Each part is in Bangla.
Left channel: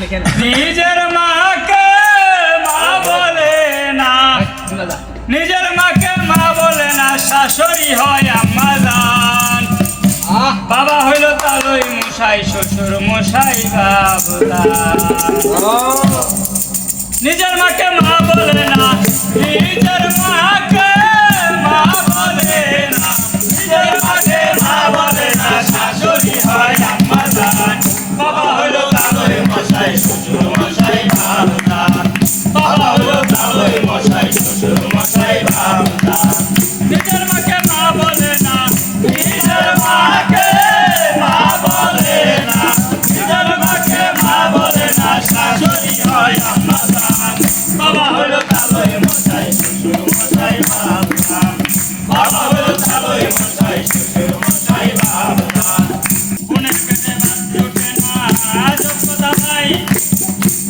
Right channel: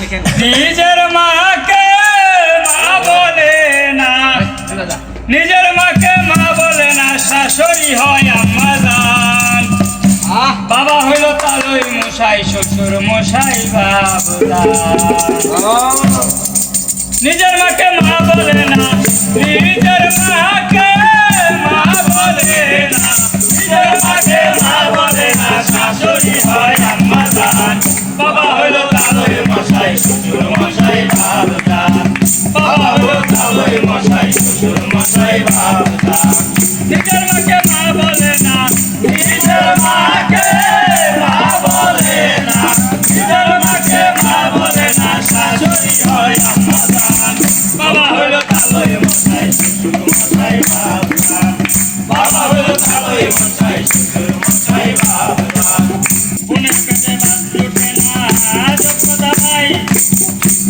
নিজের মাকে মা বলে না, নিজের মাকে মা বলে না, শাশুড়ি হয় আম্মা জান। বাবা হইল তালই মশাই, শ্বশুর মশাই বাবুদান। নিজের মাকে মা বলে না, নিজের মাকে মা বলে না, নিজের মাকে মা বলে না, শাশুড়ি হয় আম্মা জান। বাবা হইল তালই মশাই, শ্বশুর মশাই বাবুদান। বাবা হইল তালই মশাই, শ্বশুর মশাই বাবুদান। নিজের মাকে মা বলে না, নিজের মাকে মা বলে না, নিজের মাকে মা বলে না, শাশুড়ি হয় আম্মা জান। বাবা হইল তালই মশাই, শ্বশুর মশাই বাবুদান। বাবা হইল তালই মশাই, শ্বশুর মশাই বাবুদান। বোনের পেটে ভাত জোটে না, যোগ্যতা নাই,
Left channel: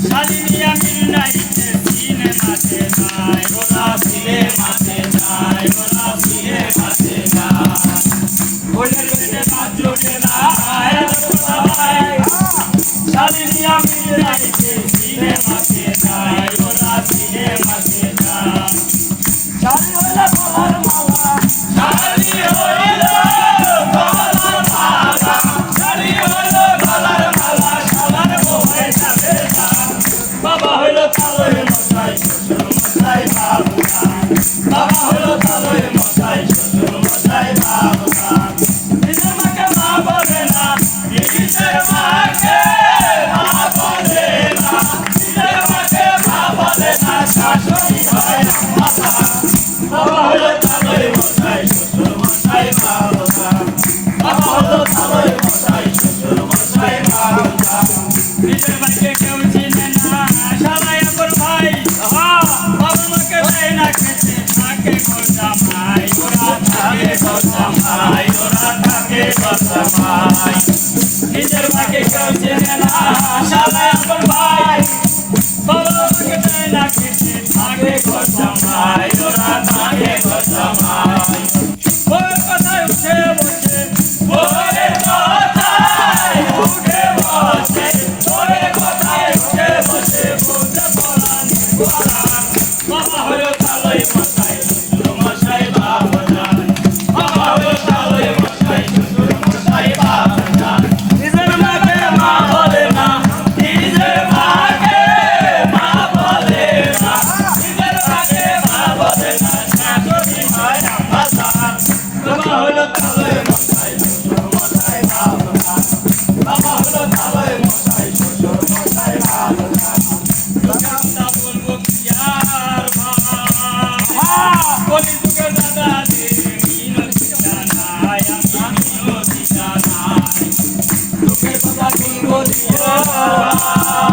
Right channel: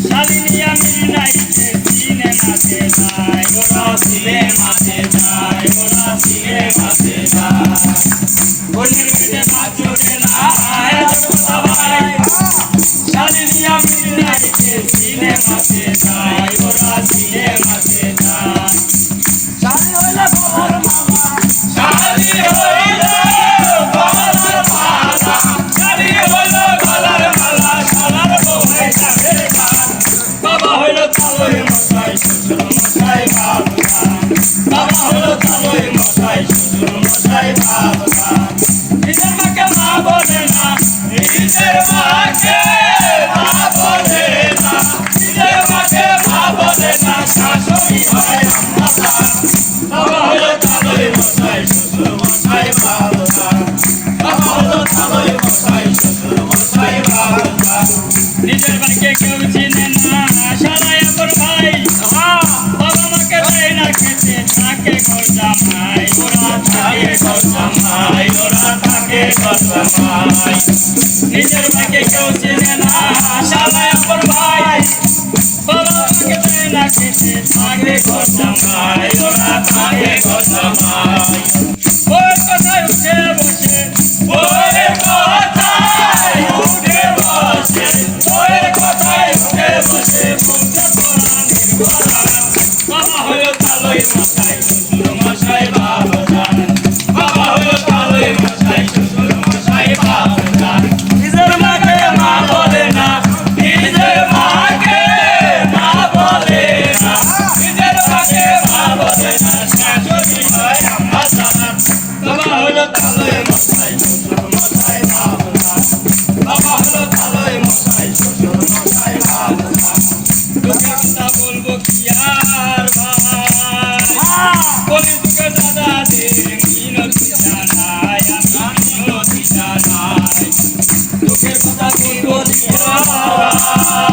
শালিনী আমির নাইতে সিনেমাতে যায়, ওরা সিনেমাতে যায়, ওরা সিনেমাতে যায়। বোনের পেটে ভাত জোটে না, যোগ্যতা নাই, শালিনী আমির নাইতে সিনেমাতে যায়, ওরা সিনেমাতে যায়। শালি হইলে বাবার মালা, শালি হইলে গলার মালা, শালি হইলে গলার মালা, শালার বউয়ের চাঁদের গান। বাবা হইল তালই মশাই, শ্বশুর মশাই বাবুদান। বাবা হইল তালই মশাই, শ্বশুর মশাই বাবুদান। নিজের মাকে মা বলে না, নিজের মাকে মা বলে না, নিজের মাকে মা বলে না, শাশুড়ি হয় আম্মা জান। বাবা হইল তালই মশাই, শ্বশুর মশাই বাবুদান। বাবা হইল তালই মশাই, শ্বশুর মশাই বাবুদান। নিজের ভাইকে কেউ চিনে না, শালাই আপন ভাই। বাবা মাকে দেয় না খেতে, থাকে ঘর জামাই, ওরা থাকে ঘর জামাই, ওরা থাকে ঘর জামাই। নিজের ভাইকে কেউ চিনে না, শালাই আপন ভাই। বাবা মাকে দেয় না খেতে, থাকে ঘর জামাই, ওরা থাকে ঘর জামাই। বউয়ের কথায় উঠে বসে, বউয়ের কথায় উঠে বসে, বউয়ের কথায় উঠে বসে, বলতে পরাণের পরাণ। বাবা হইল তালই মশাই, শ্বশুর মশাই বাবুদান। বাবা হইল তালই মশাই, শ্বশুর মশাই বাবুদান। নিজের মাকে মা বলে না, নিজের মাকে মা বলে না, নিজের মাকে মা বলে না, শাশুড়ি হয় আম্মা জান। বাবা হইল তালই মশাই, শ্বশুর মশাই বাবুদান। বাবা হইল তালই মশাই, শ্বশুর মশাই বাবুদান। লোকের কথা বলবো কি আর ভাই, কলিযুগে দাদাদের মিনতি জানাই, আমি মিনতি জানাই। লোকের কথা বলবো কি আর ভাই।